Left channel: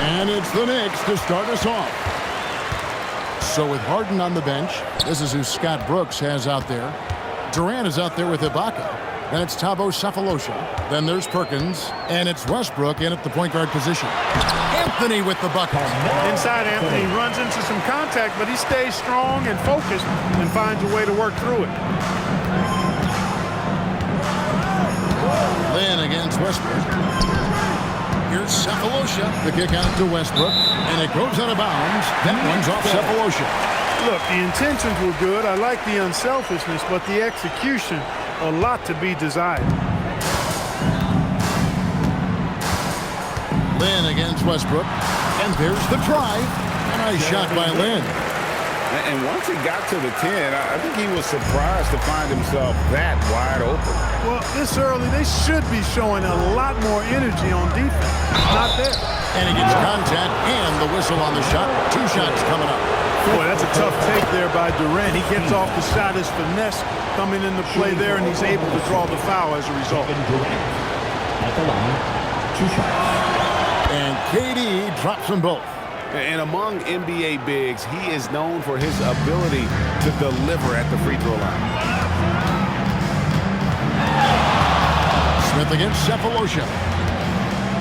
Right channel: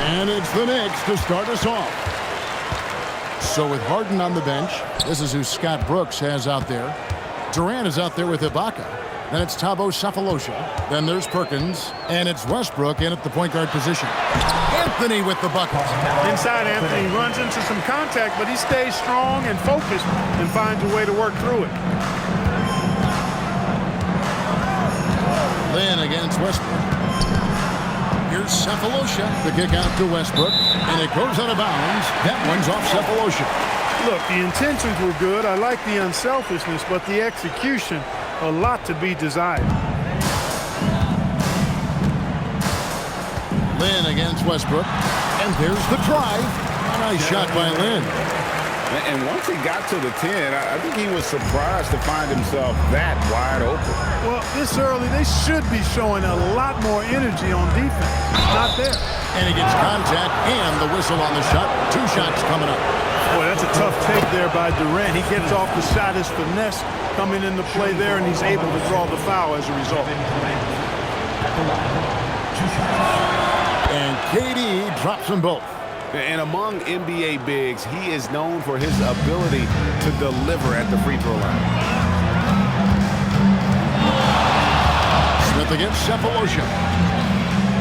And it's the Knicks to start us off. So with Harden on the bench, this is who Scott Brooks has out there. Durant is out there with Ibaka. Then it's Thabo Sefolosha. Then there's Perkins. And it's Westbrook in at the point guard position. Anthony with the bucket. Inside, Anthony runs into some contact, but he stays strong and focused and finds a way to work through it. Lynn against Westbrook. Here's Sefolosha. The kick out to Westbrook. And it goes out of bounds. That one's off Sefolosha. Look, the intentions were good. I like the unselfishness, but the execution, a lot to be desired. Lynn against Westbrook. And there's the drive. A nice shot by Lynn. And once he got to the 10, I think he was surprised to find himself that wide open. Well, this early, they should be showing a lot more energy on defense. Not there. And he gets contact and the whistle on the shot. 2 shots coming up. Boy, that's a tough take there by Durant. He gets off the shot as finesse coming into play there, and he's able to draw the foul as a result. At the line, 2 shots. And KD drops them both. And among NBA bigs, he is known for his ability to deliver at the free throw line. Smith against Sefolosha.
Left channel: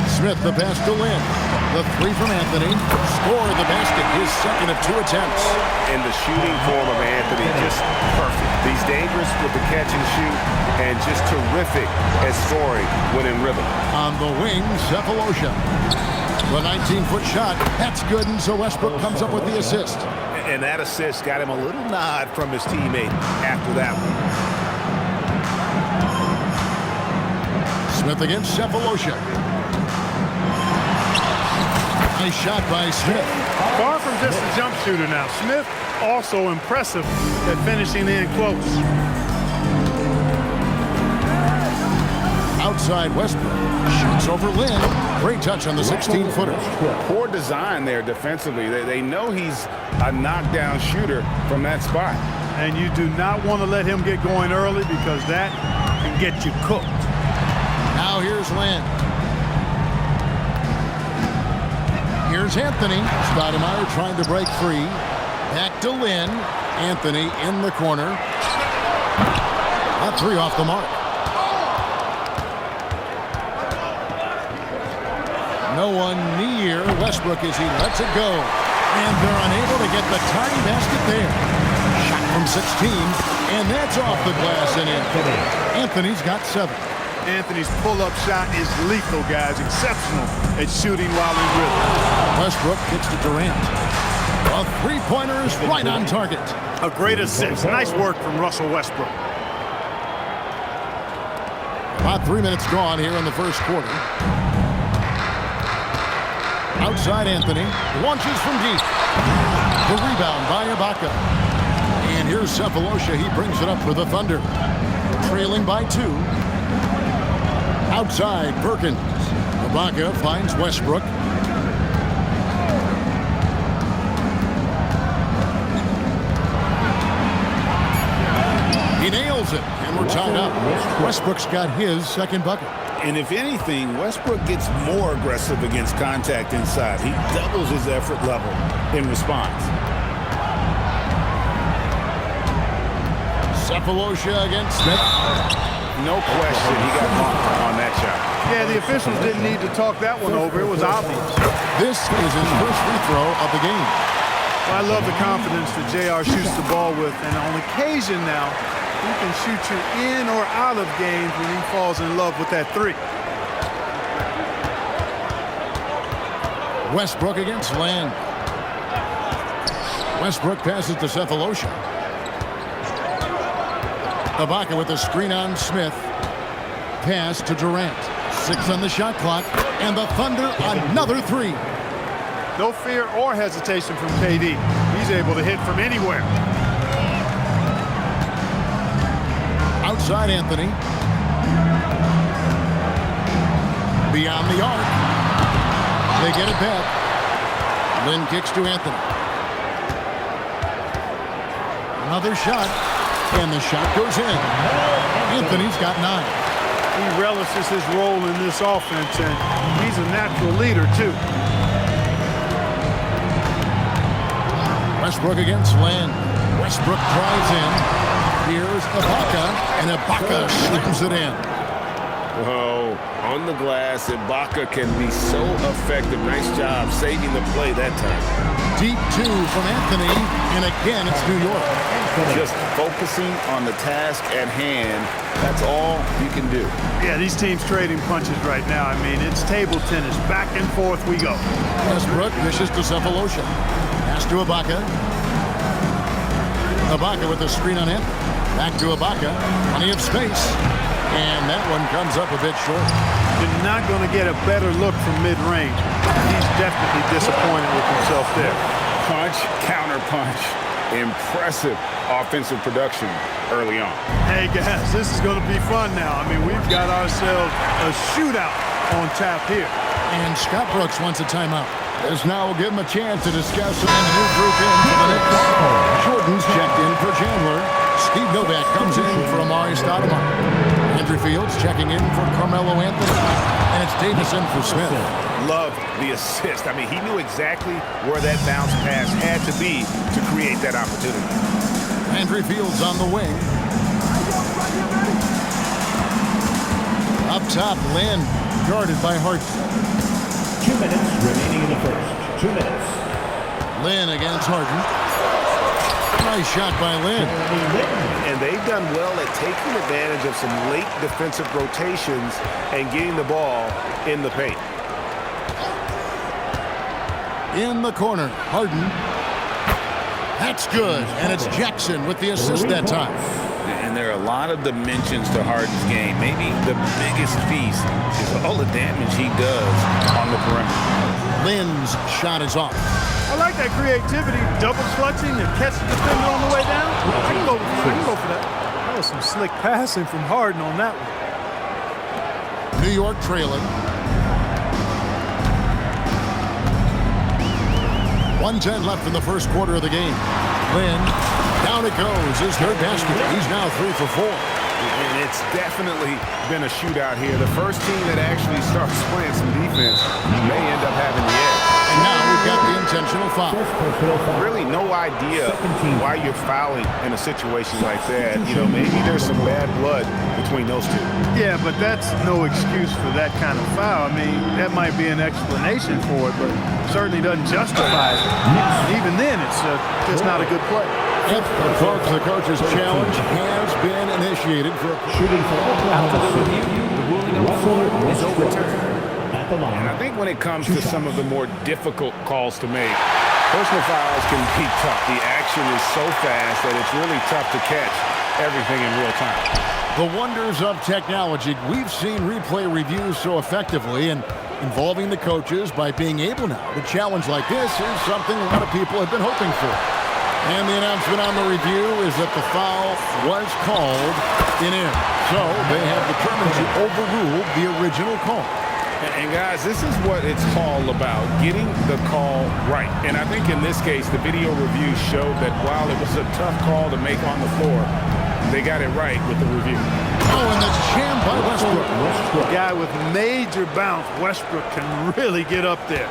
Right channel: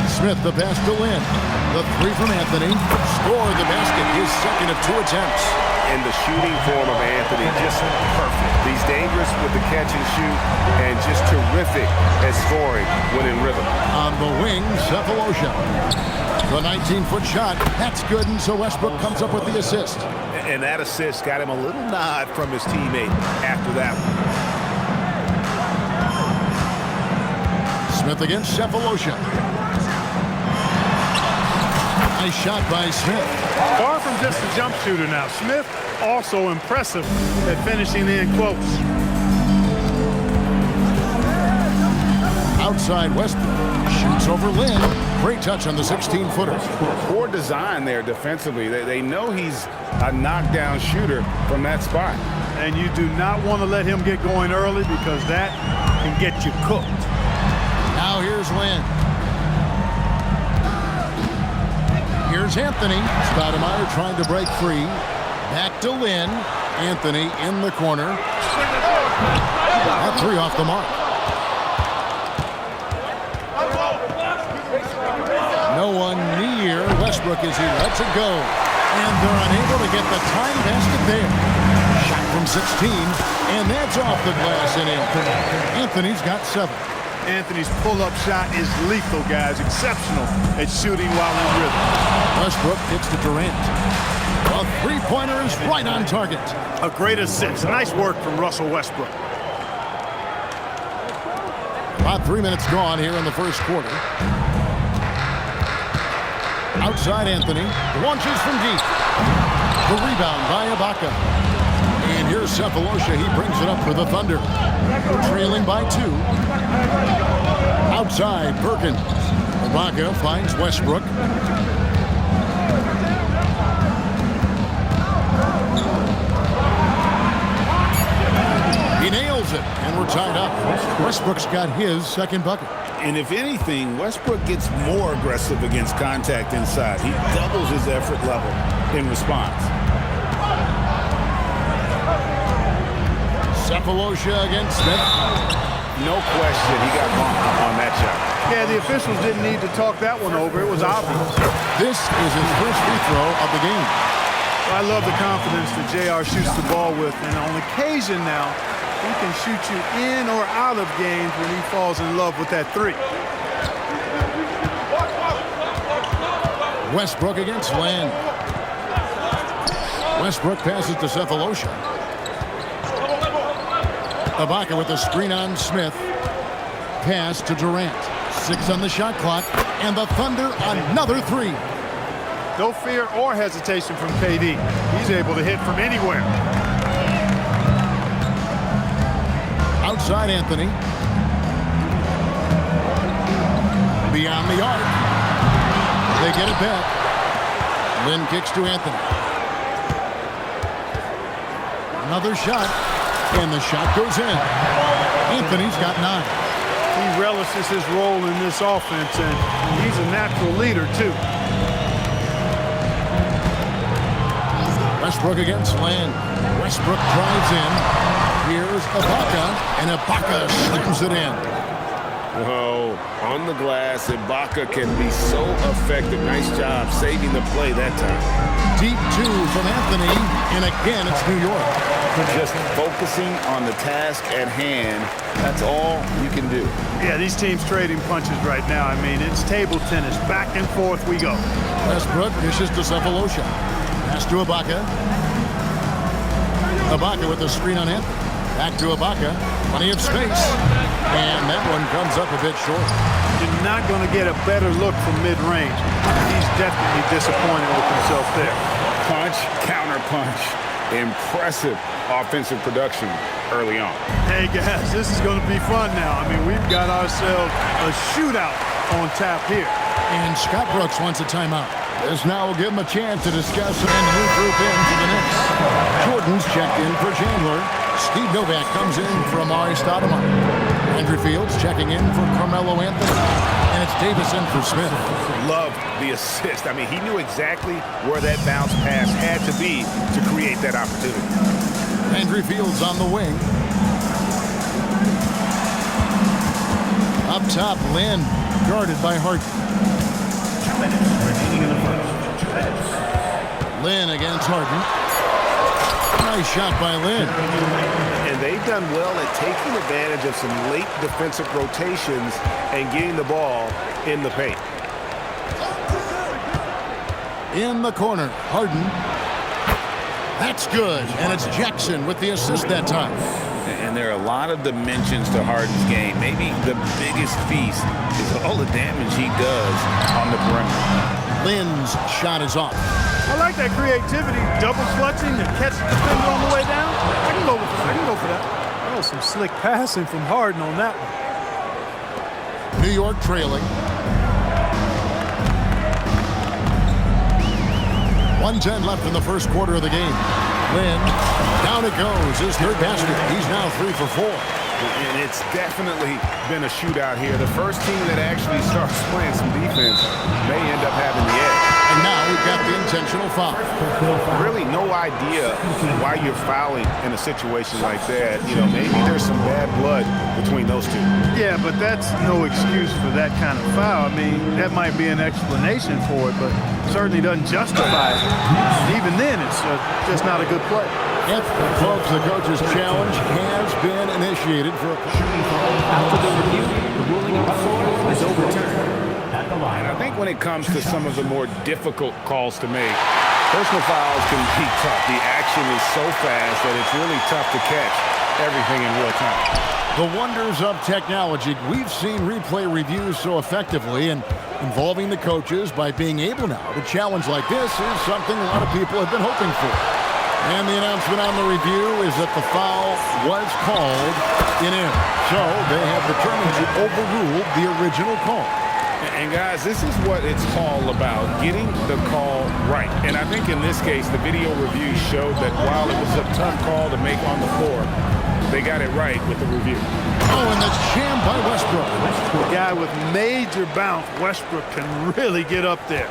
Smith the pass to Lynn. The 3 from Anthony. Score the basket, his second of 2 attempts. And the shooting form of Anthony, just perfect. He's dangerous with the catch and shoot and just terrific at scoring when in rhythm. On the wing, Sefolosha. The 19-foot shot, that's good, and so Westbrook comes up with the assist. And that assist got him a little nod from his teammate after that one. Smith against Sefolosha. Nice shot by Smith. Far from just a jump shooter now. Smith also impressive at finishing in close. Outside Westbrook. Shoots over Lynn. Great touch on the 16-footer. Poor design there defensively. They know he's a knockdown shooter from that spot. And you do not want to let him get going early because that can get you cooked. Now here's Lynn. Here's Anthony. Stoudemire trying to break free. Back to Lynn. Anthony in the corner. That 3 off the mark. No one near Westbrook as he lets it go. And they're unable to get the tying basket there. Shot from 16, and that's off the glass and in. Anthony's got 7. Anthony's pull-up shot is lethal, guys. Exceptional at shooting while in rhythm. Westbrook kicks to Durant. A 3-pointer is right on target. A great assist. Nice work from Russell Westbrook. About 3 minutes gone here in the first quarter. Outside Anthony. Launches from deep. The rebound by Ibaka. And here's Sefolosha. He brings it up for the Thunder. Trailing by 2. Outside Perkins. Ibaka finds Westbrook. He nails it, and we're tied up. Westbrook's got his second bucket. And if anything, Westbrook gets more aggressive against contact inside. He doubles his effort level in response. Sefolosha against Smith. No question, he got bumped on that shot. Yeah, the officials didn't need to talk that one over. It was obvious. This is his first free throw of the game. Well, I love the confidence that JR shoots the ball with, and on occasion now, he can shoot you in or out of games when he falls in love with that 3. Westbrook against Lynn. Westbrook passes to Sefolosha. Ibaka with a screen on Smith. Pass to Durant. 6 on the shot clock, and the Thunder another 3. No fear or hesitation from KD. He's able to hit from anywhere. Outside Anthony. Beyond the arc. They get it back. Lynn kicks to Anthony. Another shot, and the shot goes in. Anthony's got 9. He relishes his role in this offense, and he's a natural leader, too. Westbrook against Land. Westbrook drives in. Here's Ibaka, and Ibaka slams it in. Oh, on the glass, Ibaka can be so effective. Nice job saving the play that time. Deep two from Anthony, and again it's New York. Just focusing on the task at hand, that's all you can do. Yeah, these teams trading punches right now. I mean, it's table tennis. Back and forth we go. Westbrook dishes to Cephalosha. Pass to Ibaka. Ibaka with the screen on Anthony. Back to Ibaka. Plenty of space. And that one comes up a bit short. You're not going to get a better look from mid-range. He's definitely disappointed with himself there. Punch, counter punch. Impressive offensive production early on. Hey, guys, this is going to be fun now. I mean, we've got ourselves a shootout on tap here. And Scott Brooks wants a timeout. This now will give him a chance to discuss and a new group in for the Knicks. Jordan's checked in for Chandler. Steve Novak comes in for Mais. Andrew Fields checking in for Carmelo Anthony. And it's Davison for Smith. Love the assist. I mean, he knew exactly where that bounce pass had to be to create that opportunity. Andrew Fields on the wing. Up top, Lynn, guarded by Harden. 2 minutes remaining in the first. 2 minutes. Lynn against Harden. Nice shot by Lynn. And they've done well at taking advantage of some late defensive rotations and getting the ball in the paint. In the corner, Harden. That's good, and it's Jackson with the assist that time. And there are a lot of dimensions to Harden's game. Maybe the biggest piece is all the damage he does on the perimeter. Lynn's shot is off. I like that creativity, double clutching to catch the defender on the way down. I can go for that. That was some slick passing from Harden on that one. New York trailing. 1:10 left in the first quarter of the game. Lynn, down it goes, his third basket. He's now 3 for 4. And it's definitely been a shootout here. The first team that actually starts playing some defense may end up having the edge. And now we've got the intentional foul. Really no idea why you're fouling in a situation like that. You know, maybe there's some bad blood between those two. Yeah, but that's no excuse for that kind of foul. I mean, that might be an explanation for it, but certainly doesn't justify it. And even then, it's just not a good play. Yep, folks, the coach's challenge has been initiated for a shooting foul. After the review, the ruling on the floor is overturned. And I think when it comes to some of the more difficult calls to make, personal fouls can be tough. The action is so fast that it's really tough to catch everything in real time. The wonders of technology. We've seen replay reviews so effectively, and involving the coaches by being able now to challenge like this is something a lot of people have been hoping for. And the announcement on the review is that the foul was called in. So they have determined to overrule the original call. And guys, this is what it's all about, getting the call right. And I think in this case, the video review showed that while it was a tough call to make on the floor, they got it right with the review. Oh, and that's jammed by Westbrook. A guy with major bounce, Westbrook, can really get up there.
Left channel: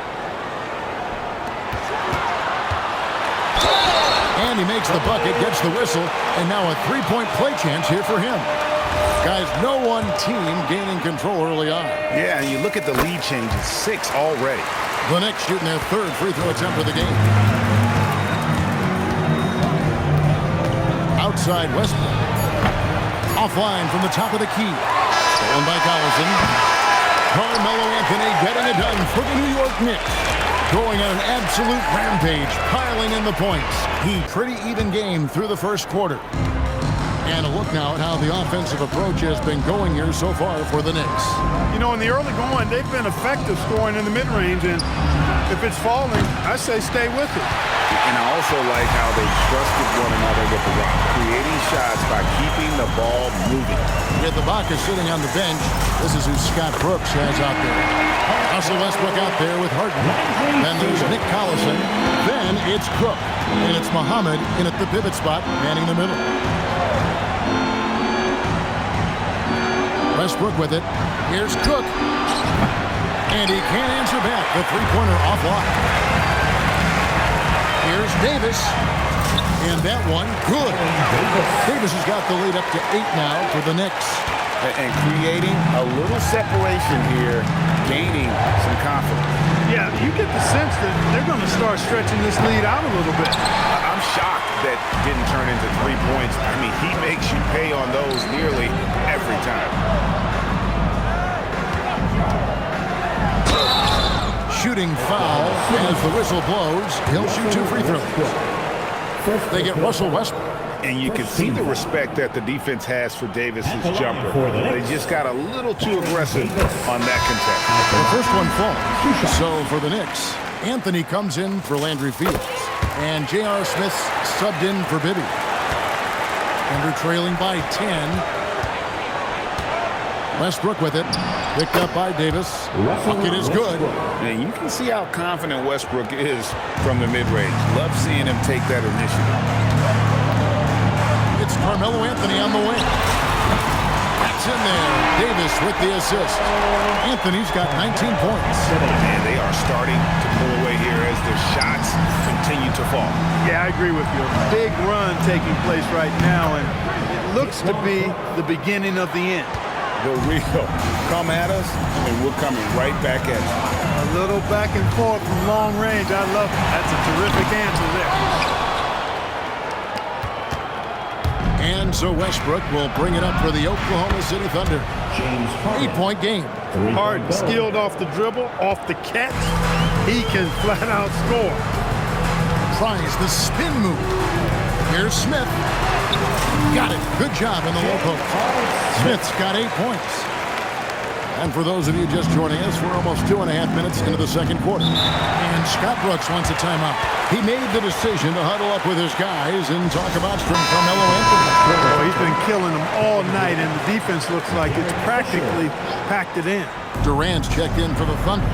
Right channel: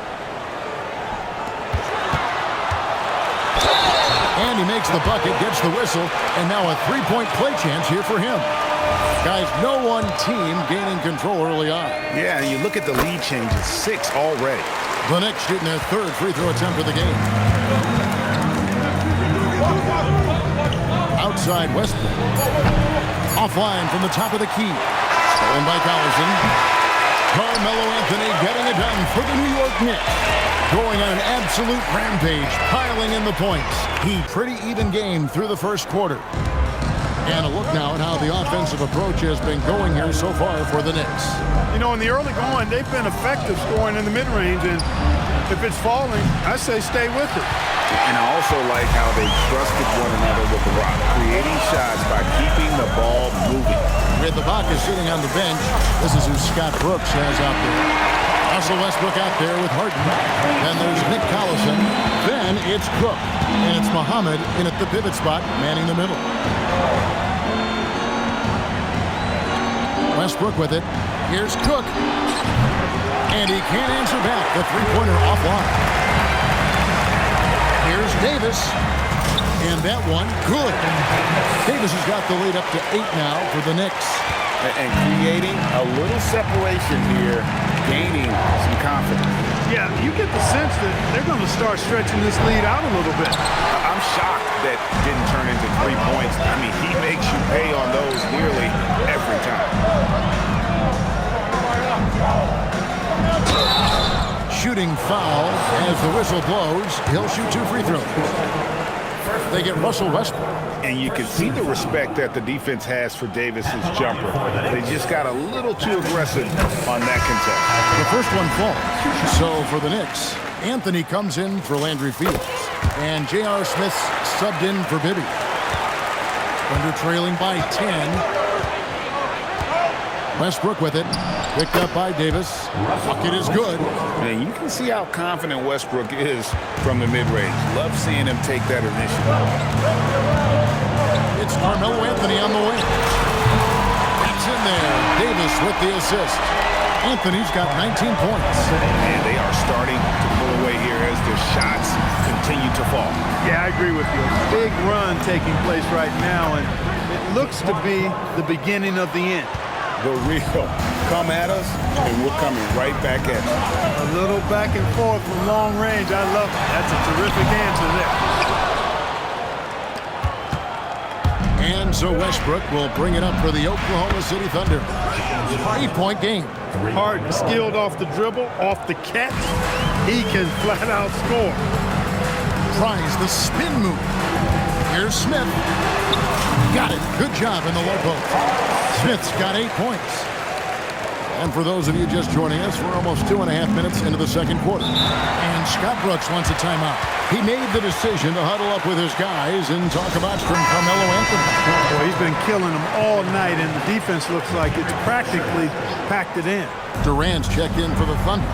And he makes the bucket, gets the whistle, and now a three-point play chance here for him. Guys, no one team gaining control early on. Yeah, and you look at the lead changes, 6 already. The Knicks shooting their third free throw attempt of the game. Outside Westbrook. Offline from the top of the key. Stolen by Collison. Carmelo Anthony getting it done for the New York Knicks. Going on an absolute rampage, piling in the points. Pretty even game through the first quarter. And a look now at how the offensive approach has been going here so far for the Knicks. You know, in the early going, they've been effective scoring in the mid-range, and if it's falling, I say stay with it. And I also like how they trusted one another with the rock, creating shots by keeping the ball moving. With Ibaka sitting on the bench, this is who Scott Brooks has out there. Russell Westbrook out there with Harden. Then there's Nick Collison. Then it's Cook. And it's Muhammad in at the pivot spot, manning the middle. Westbrook with it. Here's Cook. And he can't answer back. The three-pointer offline. Here's Davis. And that one, good. Davis has got the lead up to 8 now for the Knicks. And creating a little separation here, gaining some confidence. Yeah, you get the sense that they're going to start stretching this lead out a little bit. I'm shocked that didn't turn into 3 points. I mean, he makes you pay on those nearly every time. Shooting foul as the whistle blows. He'll shoot 2 free throws. They get Russell Westbrook. And you can see the respect that the defense has for Davis's jumper. They just got a little too aggressive on that contest. The first one falls. So for the Knicks, Anthony comes in for Landry Fields. And J.R. Smith's subbed in for Bibby. Thunder trailing by 10. Westbrook with it. Picked up by Davis. Bucket is good. And you can see how confident Westbrook is from the mid-range. Love seeing him take that initiative. It's Carmelo Anthony on the wing. That's in there. Davis with the assist. Anthony's got 19 points. And they are starting to pull away here as their shots continue to fall. Yeah, I agree with you. A big run taking place right now, and it looks to be the beginning of the end. The real. Come at us, and we're coming right back at you. A little back and forth from long range. I love it. That's a terrific answer there. And so Westbrook will bring it up for the Oklahoma City Thunder. 8-point game. Harden skilled off the dribble, off the catch. He can flat out score. Tries the spin move. Here's Smith. Got it. Good job in the low post. Smith's got 8 points. And for those of you just joining us, we're almost 2.5 minutes into the second quarter. And Scott Brooks wants a timeout. He made the decision to huddle up with his guys and talk about from Carmelo Anthony. Boy, he's been killing them all night, and the defense looks like it's practically packed it in. Durant's checked in for the Thunder.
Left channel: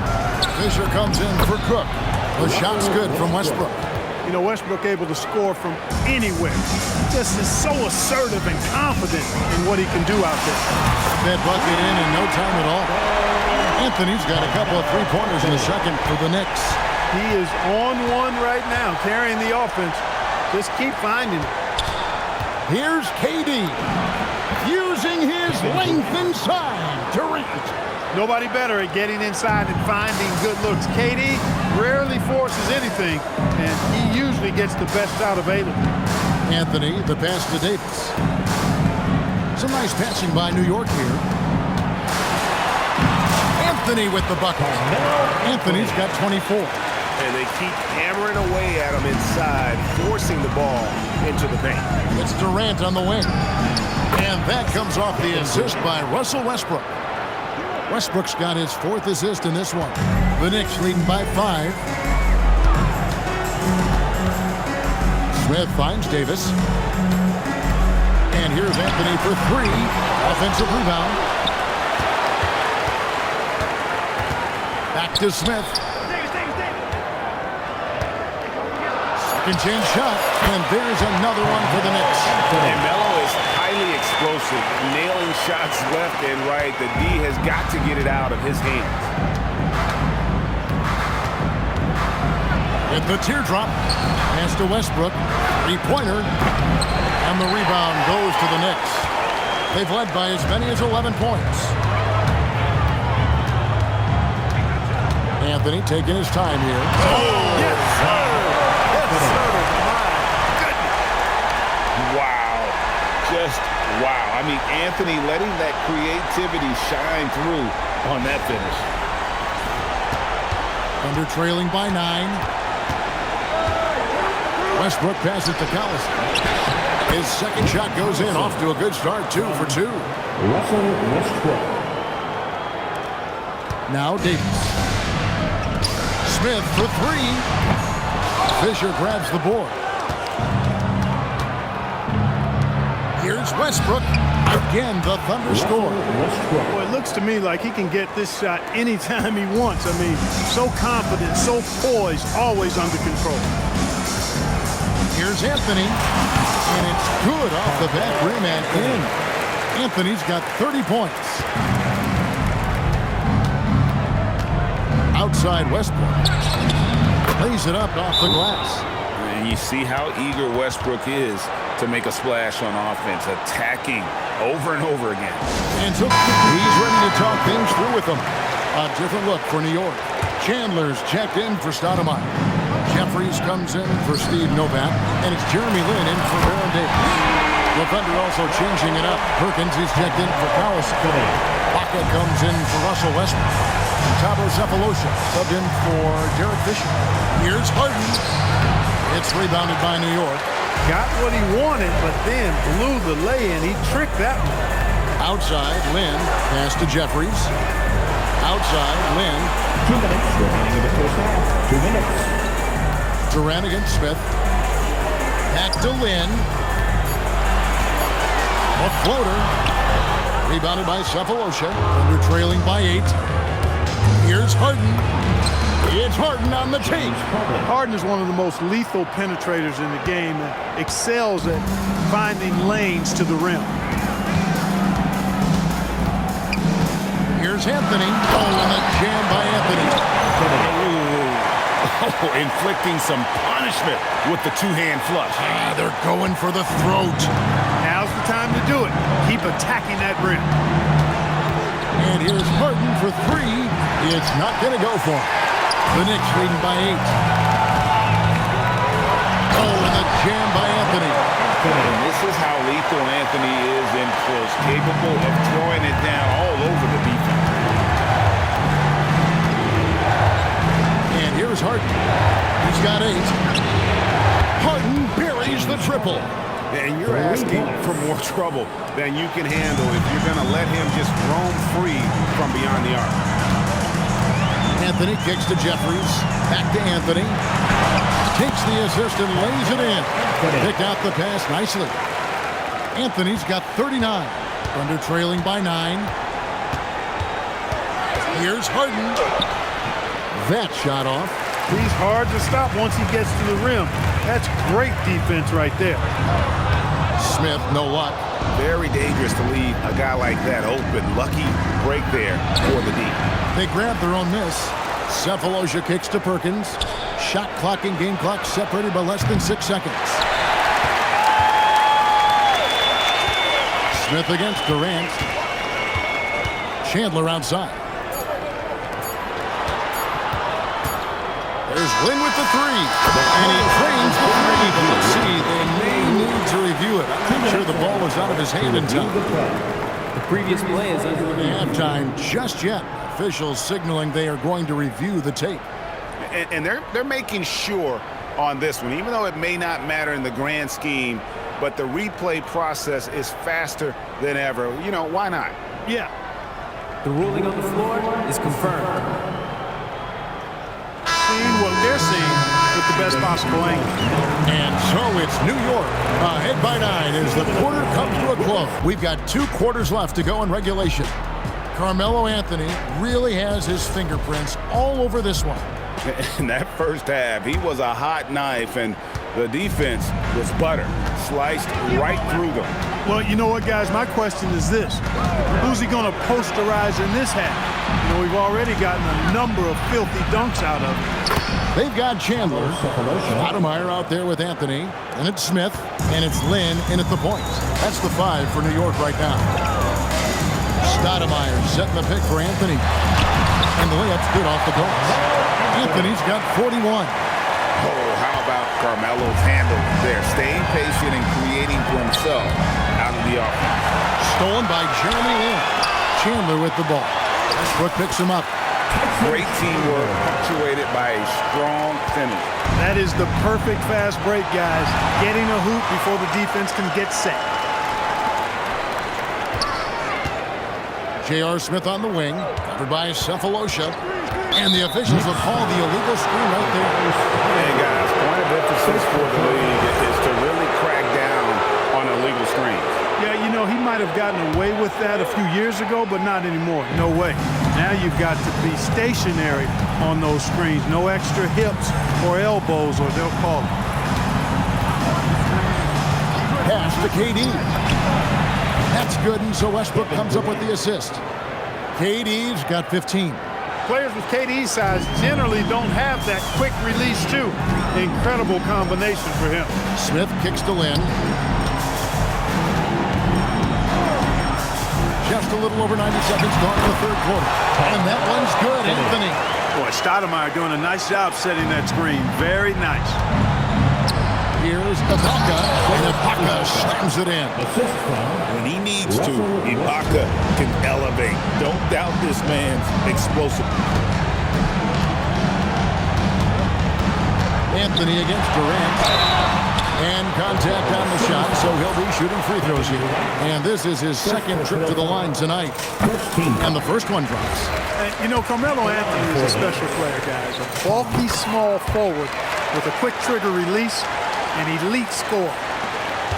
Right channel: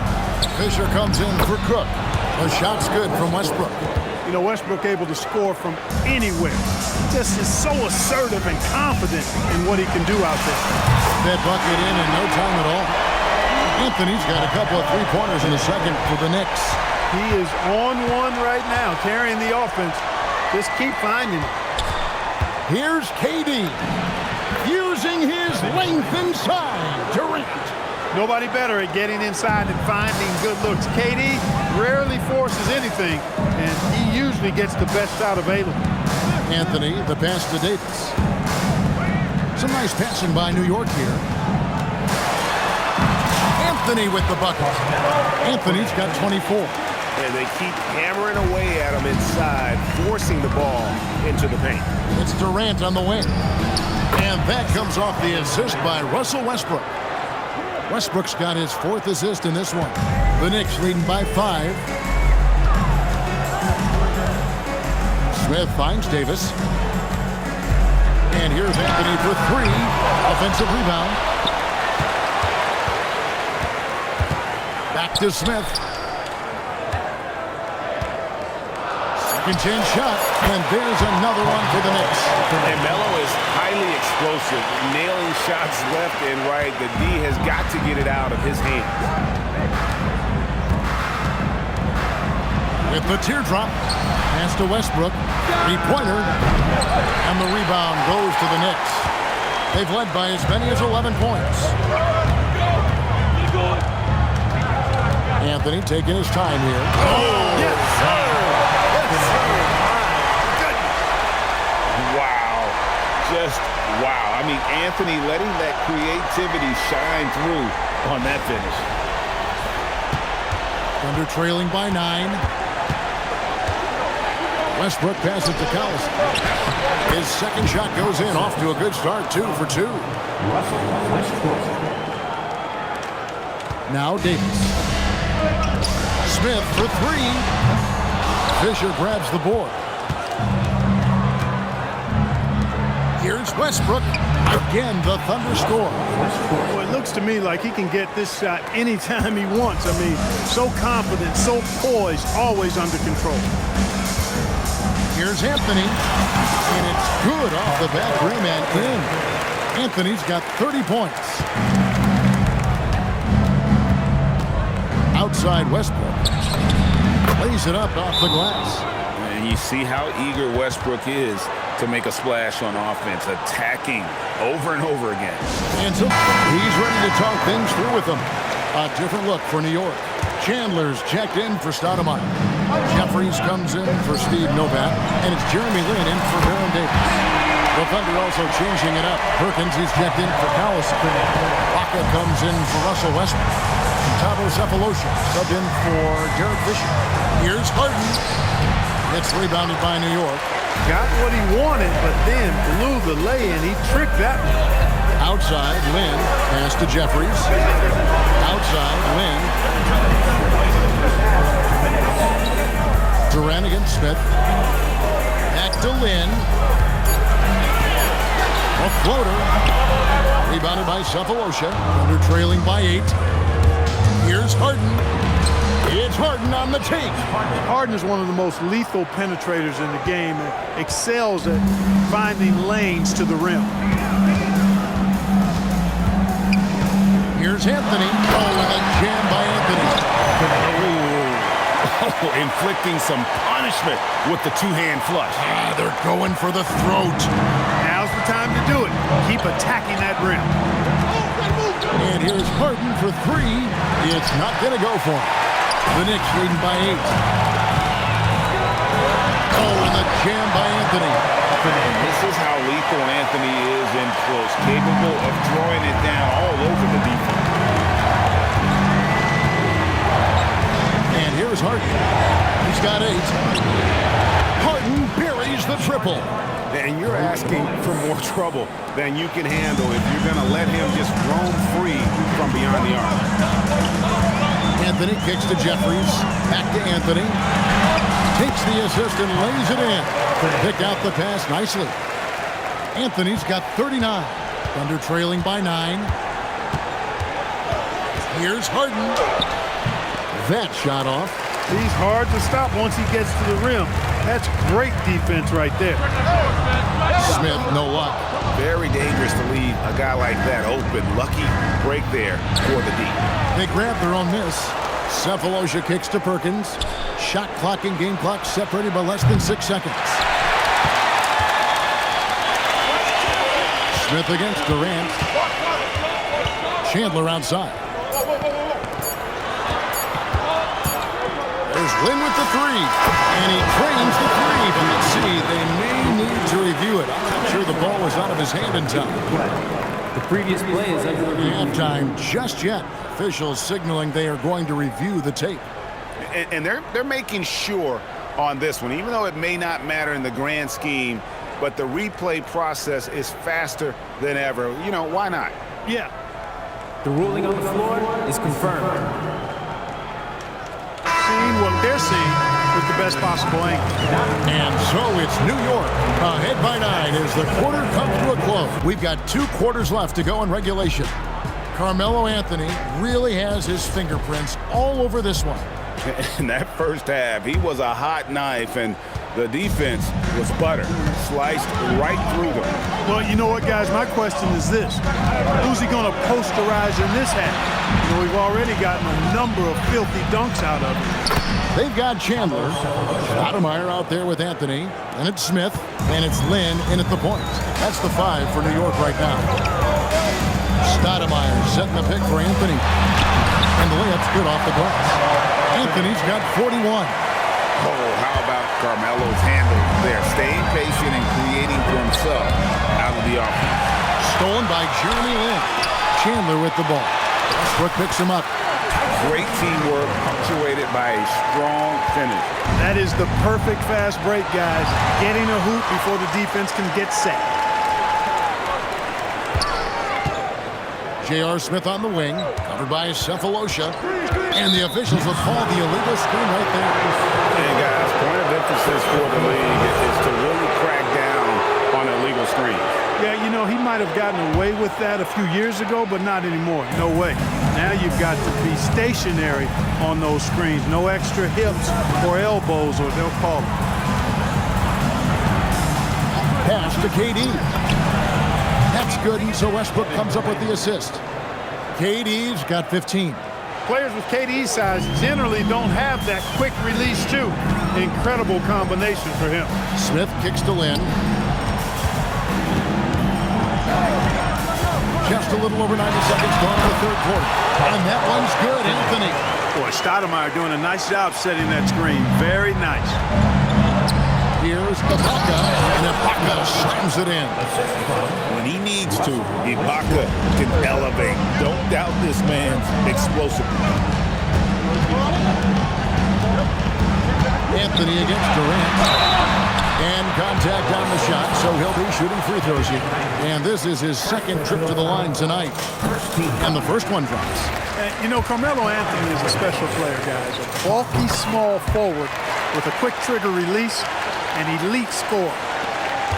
Fisher comes in for Cook. The shot's good from Westbrook. You know, Westbrook able to score from anywhere. He just is so assertive and confident in what he can do out there. That bucket in no time at all. Anthony's got a couple of three-pointers in the second for the Knicks. He is on one right now, carrying the offense. Just keep finding it. Here's KD. Using his length inside. Durant. Nobody better at getting inside and finding good looks. KD rarely forces anything, and he usually gets the best shot available. Anthony, the pass to Davis. Some nice passing by New York here. Anthony with the bucket. Anthony's got 24. And they keep hammering away at him inside, forcing the ball into the paint. It's Durant on the wing. And that comes off the assist by Russell Westbrook. Westbrook's got his 4th assist in this one. The Knicks leading by 5. Smith finds Davis. And here's Anthony for 3. Offensive rebound. Back to Smith. Second chance shot. And there's another one for the Knicks. And Melo is highly explosive, nailing shots left and right. The D has got to get it out of his hands. With the teardrop, pass to Westbrook, 3-pointer, and the rebound goes to the Knicks. They've led by as many as 11 points. Anthony taking his time here. Oh, yes, sir. Yes, sir. My goodness. Wow. Just wow. I mean, Anthony letting that creativity shine through on that finish. Thunder trailing by 9. Westbrook passes to Collison. His second shot goes in, off to a good start, 2 for 2. Russell Westbrook. Now Davis. Smith for 3. Fisher grabs the board. Here's Westbrook. Again, the Thunder score. Well, it looks to me like he can get this shot anytime he wants. I mean, so confident, so poised, always under control. Here's Anthony. And it's good off the back rim and in. Anthony's got 30 points. Outside Westbrook. Lays it up off the glass. And you see how eager Westbrook is to make a splash on offense, attacking over and over again. And so he's ready to talk things through with them. A different look for New York. Chandler's checked in for Stoudemire. Jeffries comes in for Steve Novak. And it's Jeremy Lin in for Baron Davis. The Thunder also changing it up. Perkins is checked in for Collison. Baca comes in for Russell Westbrook. And Thabo Sefolosha subbed in for Derek Fisher. Here's Harden. It's rebounded by New York. Got what he wanted, but then blew the lay-in. He tricked that one. Outside, Lin. Pass to Jeffries. Outside, Lin. 2 minutes remaining in the first half. 2 minutes. Durant against Smith. Back to Lin. A floater. Rebounded by Sefolosha. Thunder trailing by 8. Here's Harden. It's Harden on the take. Harden is one of the most lethal penetrators in the game and excels at finding lanes to the rim. Here's Anthony. Oh, and a jam by Anthony. Oh, inflicting some punishment with the two-hand flush. They're going for the throat. Now's the time to do it. Keep attacking that rim. And here's Harden for 3. It's not going to go for him. The Knicks leading by 8. Oh, and the jam by Anthony. And this is how lethal Anthony is in close, capable of throwing it down all over the defense. And here's Harden. He's got 8. Harden buries the triple. And you're asking for more trouble than you can handle if you're going to let him just roam free from beyond the arc. Anthony kicks to Jeffries. Back to Anthony. Takes the assist and lays it in. Picked out the pass nicely. Anthony's got 39. Thunder trailing by 9. Here's Harden. That shot off. He's hard to stop once he gets to the rim. That's great defense right there. Smith, no luck. Very dangerous to leave a guy like that open. Lucky break there for the D. They grab their own miss. Sefolosha kicks to Perkins. Shot clock and game clock separated by less than 6 seconds. Smith against Durant. Chandler outside. There's Lin with the 3. And he trains the 3. But let's see, they may need to review it. I'm not sure the ball was out of his hand in time. The previous play is under review. Halftime just yet. Officials signaling they are going to review the tape. And they're making sure on this one, even though it may not matter in the grand scheme, but the replay process is faster than ever. You know, why not? Yeah. The ruling on the floor is confirmed. Seeing what they're seeing with the best possible angle. And so it's New York ahead by 9 as the quarter comes to a close. We've got 2 quarters left to go in regulation. Carmelo Anthony really has his fingerprints all over this one. In that first half, he was a hot knife, and the defense was butter, sliced right through them. Well, you know what, guys? My question is this. Who's he going to posterize in this half? You know, we've already gotten a number of filthy dunks out of it. They've got Chandler, Stoudemire out there with Anthony, and it's Smith, and it's Lin in at the point. That's the 5 for New York right now. Stoudemire setting the pick for Anthony, and the layup's good off the glass. Anthony's got 41. Oh, how about Carmelo's handle there, staying patient and creating for himself out of the offense. Stolen by Jeremy Lin. Chandler with the ball. Westbrook picks him up. Great teamwork, punctuated by a strong finish. That is the perfect fast break, guys. Getting a hoop before the defense can get set. J.R. Smith on the wing, covered by Sefolosha. And the officials will call the illegal screen right there. And guys, point of emphasis for the league is to really crack down on illegal screens. Yeah, you know, he might have gotten away with that a few years ago, but not anymore. No way. Now you've got to be stationary on those screens. No extra hips or elbows, or they'll call it. Pass to KD. That's good, and so Westbrook comes up with the assist. KD's got 15. Players with KD's size generally don't have that quick release, too. Incredible combination for him. Smith kicks to Lynn. Just a little over 90 seconds gone in the third quarter. And that one's good, Anthony. Boy, Stoudemire doing a nice job setting that screen. Very nice. Here's Ibaka, and Ibaka slams it in. When he needs to, Ibaka can elevate. Don't doubt this man's explosiveness. Anthony against Durant. And contact on the shot, so he'll be shooting free throws here. And this is his second trip to the line tonight. And the first one drops. And, you know, Carmelo Anthony is a special player, guys. A bulky, small forward with a quick trigger release, an elite scorer.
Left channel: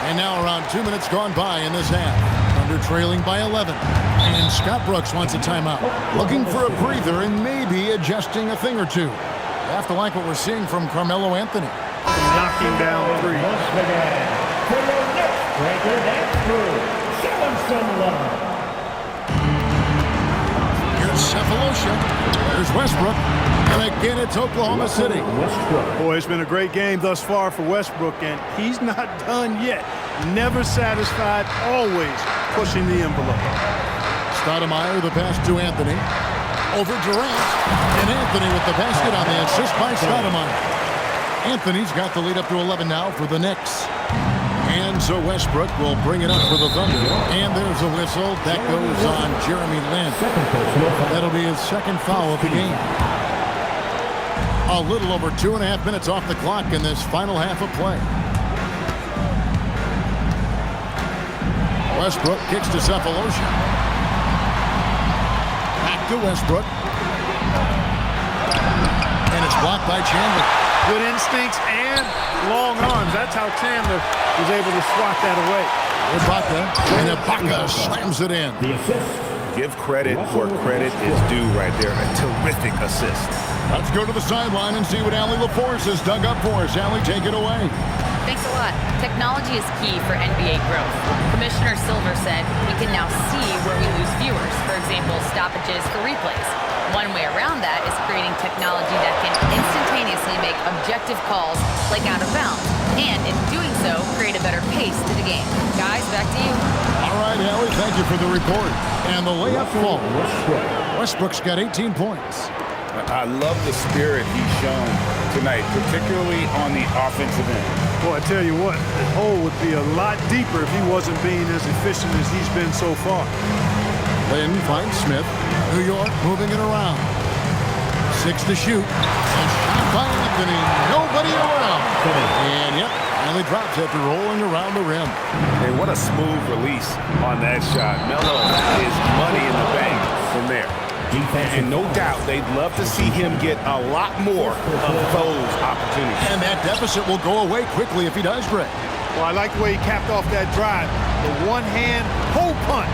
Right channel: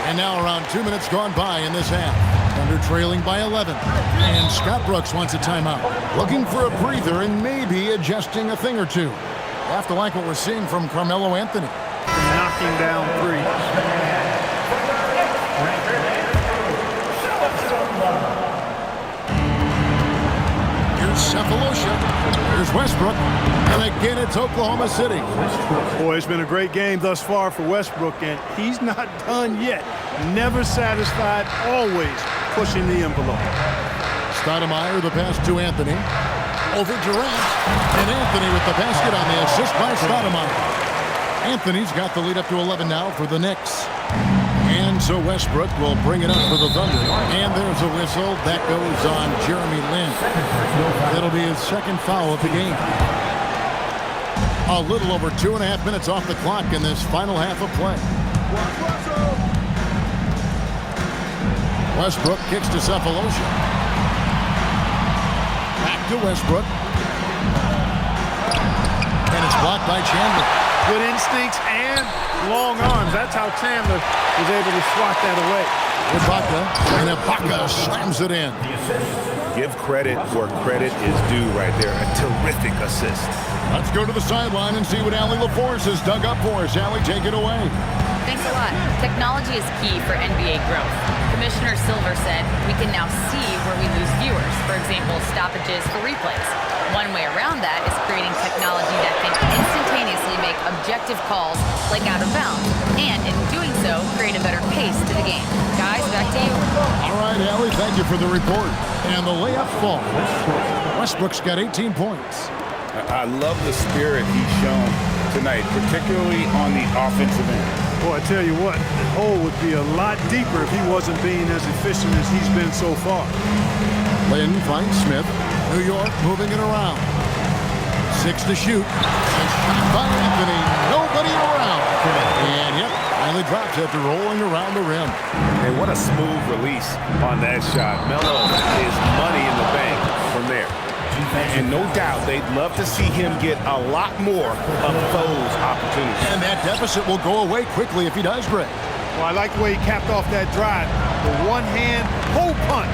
And now around 2 minutes gone by in this half. Thunder trailing by 11. And Scott Brooks wants a timeout. Looking for a breather and maybe adjusting a thing or two. You have to like what we're seeing from Carmelo Anthony. From knocking down threes. Here's Cephalosha. Here's Westbrook. And again, it's Oklahoma City. Boy, it's been a great game thus far for Westbrook, and he's not done yet. Never satisfied, always pushing the envelope. Stoudemire, the pass to Anthony. Over Durant. And Anthony with the basket on the assist by Stoudemire. Anthony's got the lead up to 11 now for the Knicks. And so Westbrook will bring it up for the Thunder. And there's a whistle. That goes on Jeremy Lin. That'll be his second foul of the game. A little over 2.5 minutes off the clock in this final half of play. Westbrook kicks to Cephalosha. Back to Westbrook. And it's blocked by Chandler. Good instincts and long arms. That's how Chandler was able to swat that away. Ibaka, and Ibaka slams it in. Give credit where credit is due right there. A terrific assist. Let's go to the sideline and see what Allie LaForce has dug up for us. Allie, take it away. Thanks a lot. Technology is key for NBA growth. Commissioner Silver said we can now see where we lose viewers. For example, stoppages for replays. One way around that is creating technology that can instantaneously make objective calls like out of bounds. And in doing so, create a better pace to the game. Guys, back to you. All right, Allie, thank you for the report. And the layup falls. Westbrook's got 18 points. I love the spirit he's shown tonight, particularly on the offensive end. Boy, I tell you what, the hole would be a lot deeper if he wasn't being as efficient as he's been so far. Lynn finds Smith. New York moving it around. 6 to shoot. And shot by Anthony. Nobody around. And yep, finally drops after rolling around the rim. And what a smooth release on that shot. Melo is money in the bank from there. And no doubt they'd love to see him get a lot more of those opportunities. And that deficit will go away quickly if he does, Greg. Well, I like the way he capped off that drive. The one-hand hole punch.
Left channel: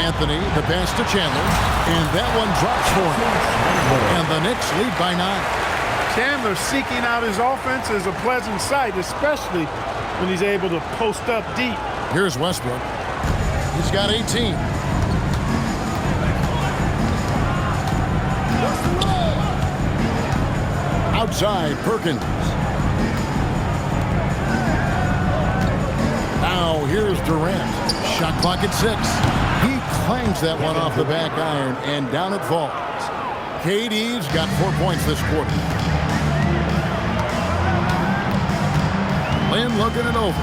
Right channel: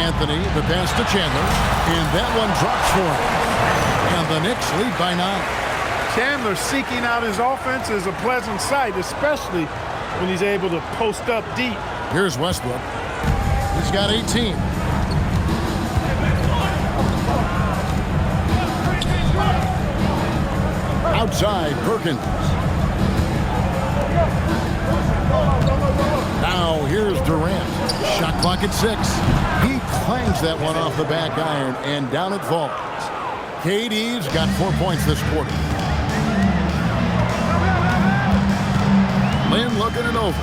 Anthony, the pass to Chandler, and that one drops for him. And the Knicks lead by 9. Chandler seeking out his offense is a pleasant sight, especially when he's able to post up deep. Here's Westbrook. He's got 18. Outside, Perkins. Now here's Durant. Shot clock at 6. He clangs that one off the back iron, and down it falls. KD's got 4 points this quarter. Lynn looking it over.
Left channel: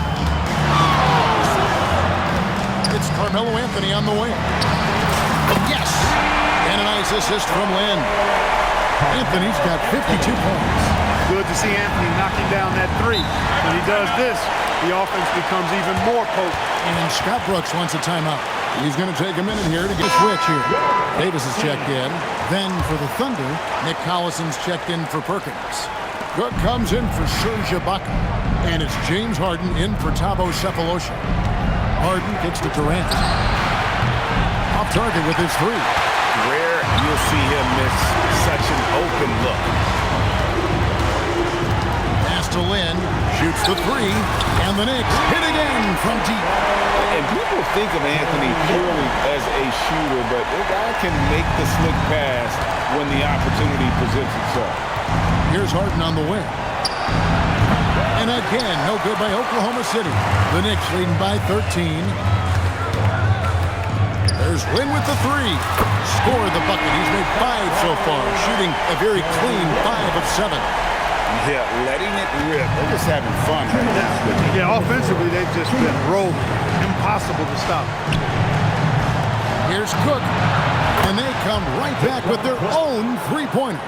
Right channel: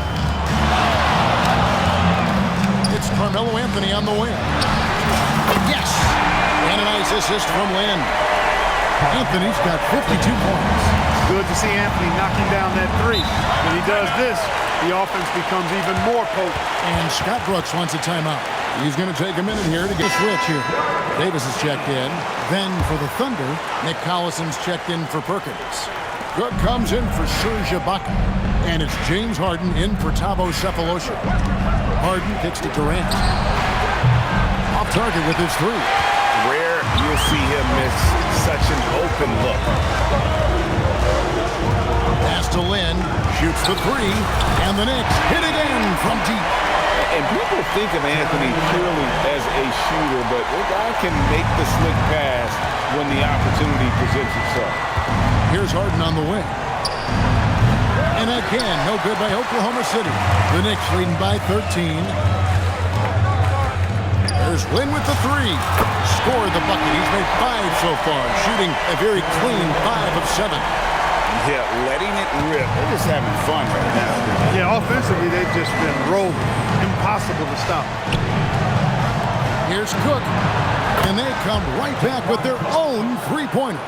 It's Carmelo Anthony on the wing. Yes! And a nice assist from Lynn. Anthony's got 52 points. Good to see Anthony knocking down that three. When he does this, the offense becomes even more potent. And Scott Brooks wants a timeout. He's going to take a minute here to get a switch here. Davis is checked in. Then for the Thunder, Nick Collison's checked in for Perkins. Cook comes in for Serge Ibaka. And it's James Harden in for Thabo Cephalosha. Harden kicks to Durant. Off target with his three. Rare you'll see him miss such an open look. Pass to Lynn, shoots the three, and the Knicks hit again from deep. And people think of Anthony purely as a shooter, but the guy can make the slick pass when the opportunity presents itself. Here's Harden on the wing. And again, no good by Oklahoma City. The Knicks leading by 13. There's Lynn with the three. Score the bucket. He's made 5 so far, shooting a very clean 5 of 7. Yeah, letting it rip. They're just having fun right now. Yeah, offensively, they've just been rolling. Impossible to stop. Here's Cook. And they come right back with their own three-pointer.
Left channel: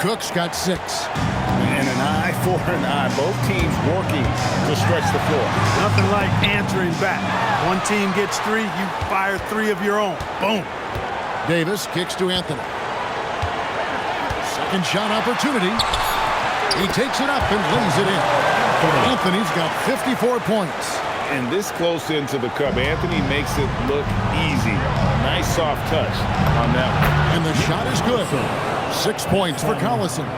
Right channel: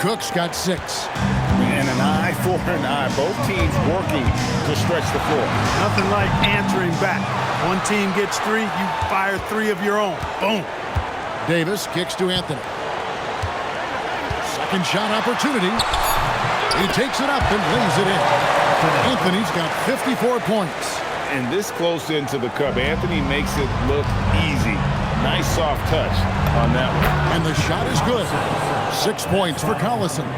Cook's got 6. And an eye for an eye. Both teams working to stretch the floor. Nothing like answering back. One team gets 3, you fire 3 of your own. Boom. Davis kicks to Anthony. Second shot opportunity. He takes it up and lays it in. Anthony's got 54 points. And this close into the cup, Anthony makes it look easy. Nice soft touch on that one. And the shot is good. 6 points for Collison.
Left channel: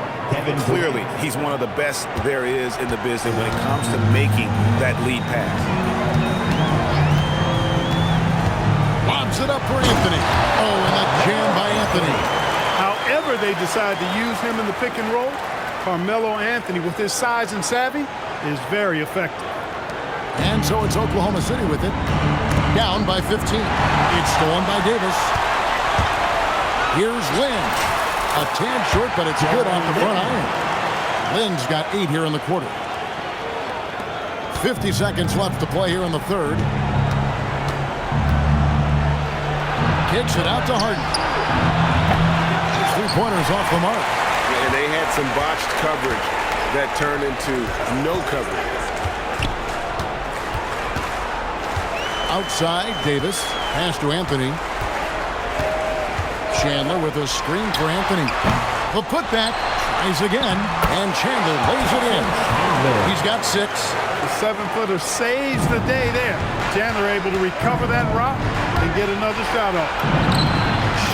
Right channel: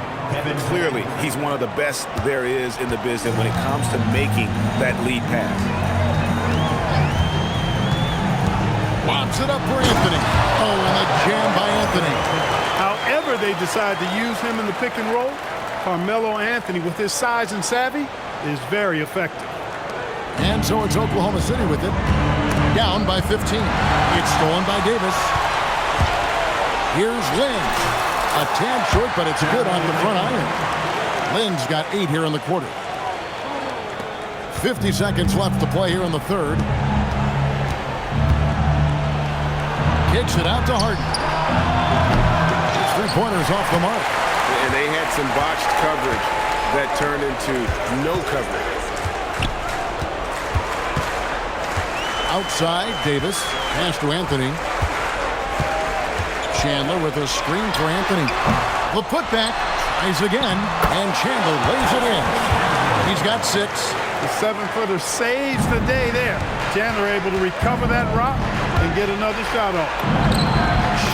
Clearly, he's one of the best there is in the business when it comes to making that lead pass. Lobs it up for Anthony. Oh, and the jam by Anthony. However they decide to use him in the pick and roll, Carmelo Anthony, with his size and savvy, is very effective. And so it's Oklahoma City with it. Down by 15. It's stolen by Davis. Here's Lynn. A tad short, but it's good off the front iron. Lynn's got 8 here in the quarter. 50 seconds left to play here in the third. Kicks it out to Harden. His three-pointers off the mark. And they had some botched coverage that turned into no coverage. Outside, Davis. Pass to Anthony. Chandler with a screen for Anthony. The putback. Tries again. And Chandler lays it in. He's got 6. The 7-footer saves the day there. Chandler able to recover that rock and get another shot off.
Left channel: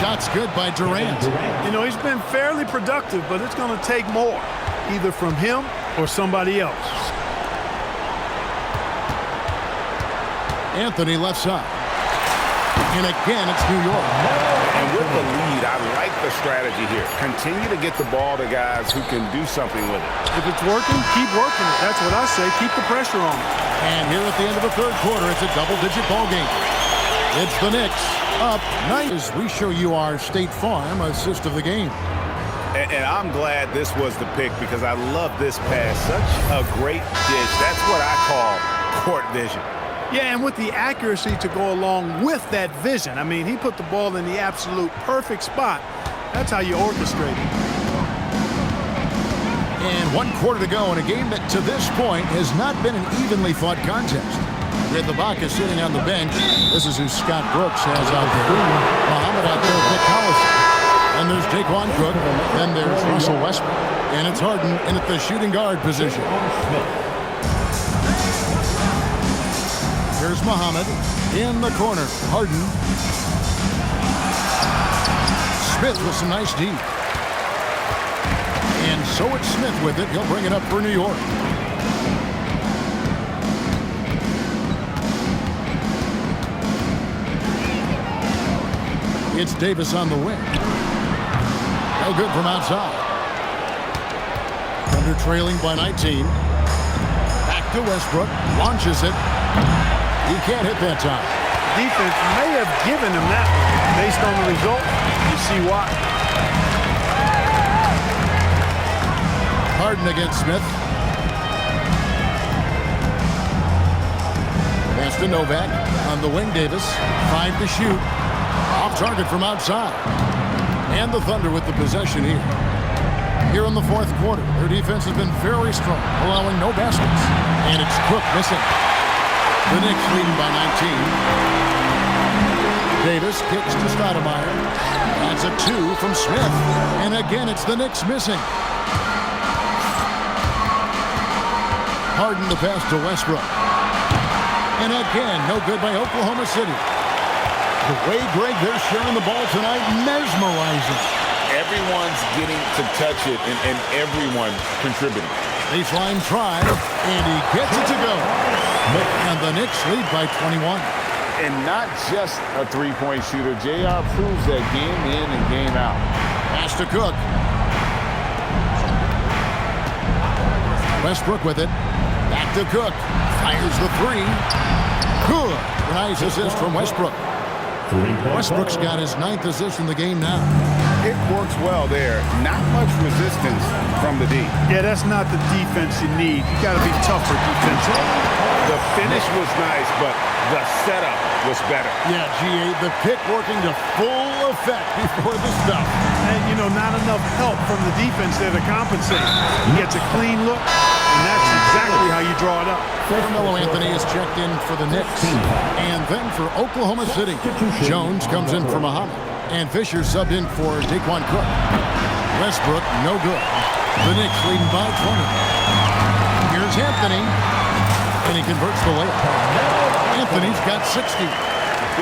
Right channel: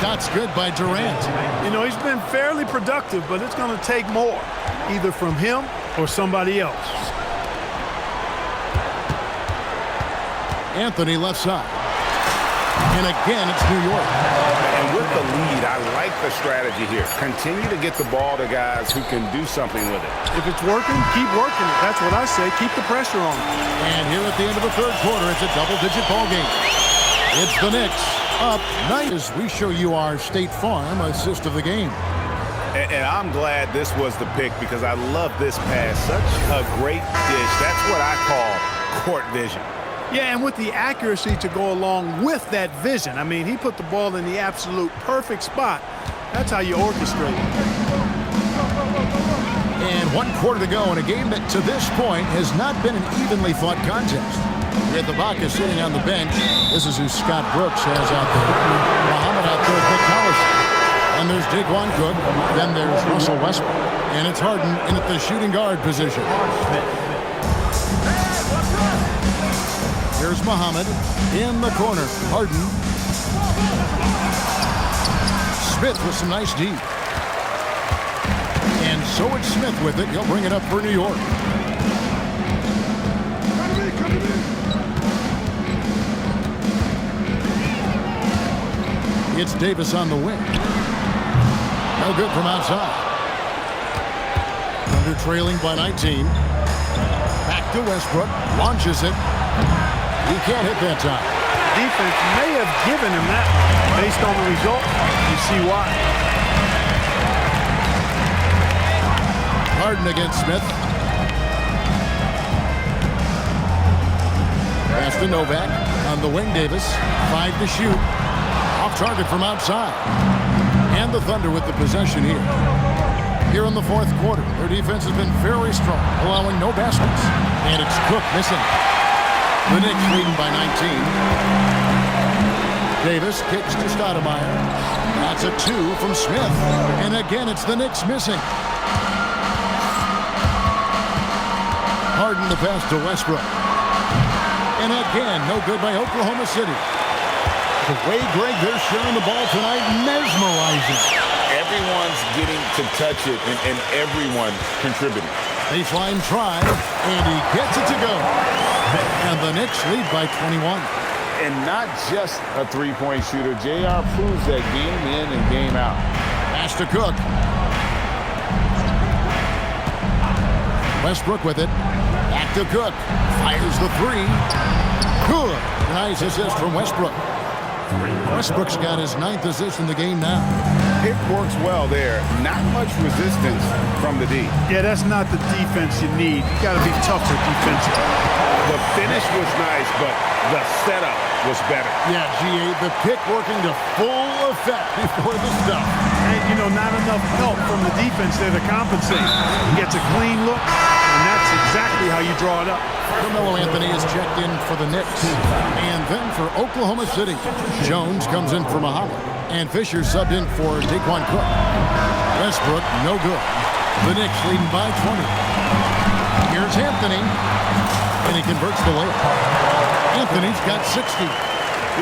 Shot's good by Durant. You know, he's been fairly productive, but it's going to take more, either from him or somebody else. Anthony left side. And again, it's New York. And with the lead, I like the strategy here. Continue to get the ball to guys who can do something with it. If it's working, keep working it. That's what I say. Keep the pressure on it. And here at the end of the third quarter, it's a double-digit ball game. It's the Knicks up 9 as we show you our State Farm assist of the game. And I'm glad this was the pick because I love this pass. Such a great dish. That's what I call court vision. Yeah, and with the accuracy to go along with that vision. I mean, he put the ball in the absolute perfect spot. That's how you orchestrate it. And 1 quarter to go in a game that to this point has not been an evenly fought contest. With Ibaka sitting on the bench. This is who Scott Brooks has out there. Muhammad out there with Nick Collison. And there's Daquan Cook. Then there's Russell Westbrook. And it's Harden in at the shooting guard position. Here's Muhammad in the corner. Harden. Smith with some nice D. And so it's Smith with it. He'll bring it up for New York. It's Davis on the wing. No good from outside. Thunder trailing by 19. Back to Westbrook. Launches it. He can't hit that time. The defense may have given him that one. Based on the result, you see why. Harden against Smith. Pass to Novak. On the wing, Davis. 5 to shoot. Off target from outside. And the Thunder with the possession here. Here in the fourth quarter, their defense has been very strong, allowing no baskets. And it's Cook missing. The Knicks leading by 19. Davis kicks to Stoudemire. That's a 2 from Smith. And again, it's the Knicks missing. Harden the pass to Westbrook. And again, no good by Oklahoma City. The way, Greg, they're sharing the ball tonight, mesmerizing. Everyone's getting to touch it, and everyone's contributing. Baseline try, and he gets it to go. And the Knicks lead by 21. And not just a three-point shooter. JR proves that game in and game out. Pass to Cook. Westbrook with it. Back to Cook. Fires the three. Good. Nice assist from Westbrook. Westbrook's got his 9th assist in the game now. Pick works well there. Not much resistance from the D. Yeah, that's not the defense you need. You got to be tougher defensively. The finish was nice, but the setup was better. Yeah, GA, the pick working to full effect before the stuff. And, you know, not enough help from the defense there to compensate. He gets a clean look, and that's exactly how you draw it up. Carmelo Anthony is checked in for the Knicks. And then for Oklahoma City, Jones comes in for Muhammad. And Fisher subbed in for Daquan Cook. Westbrook, no good. The Knicks leading by 20. Here's Anthony. And he converts the layup. Anthony's got 60.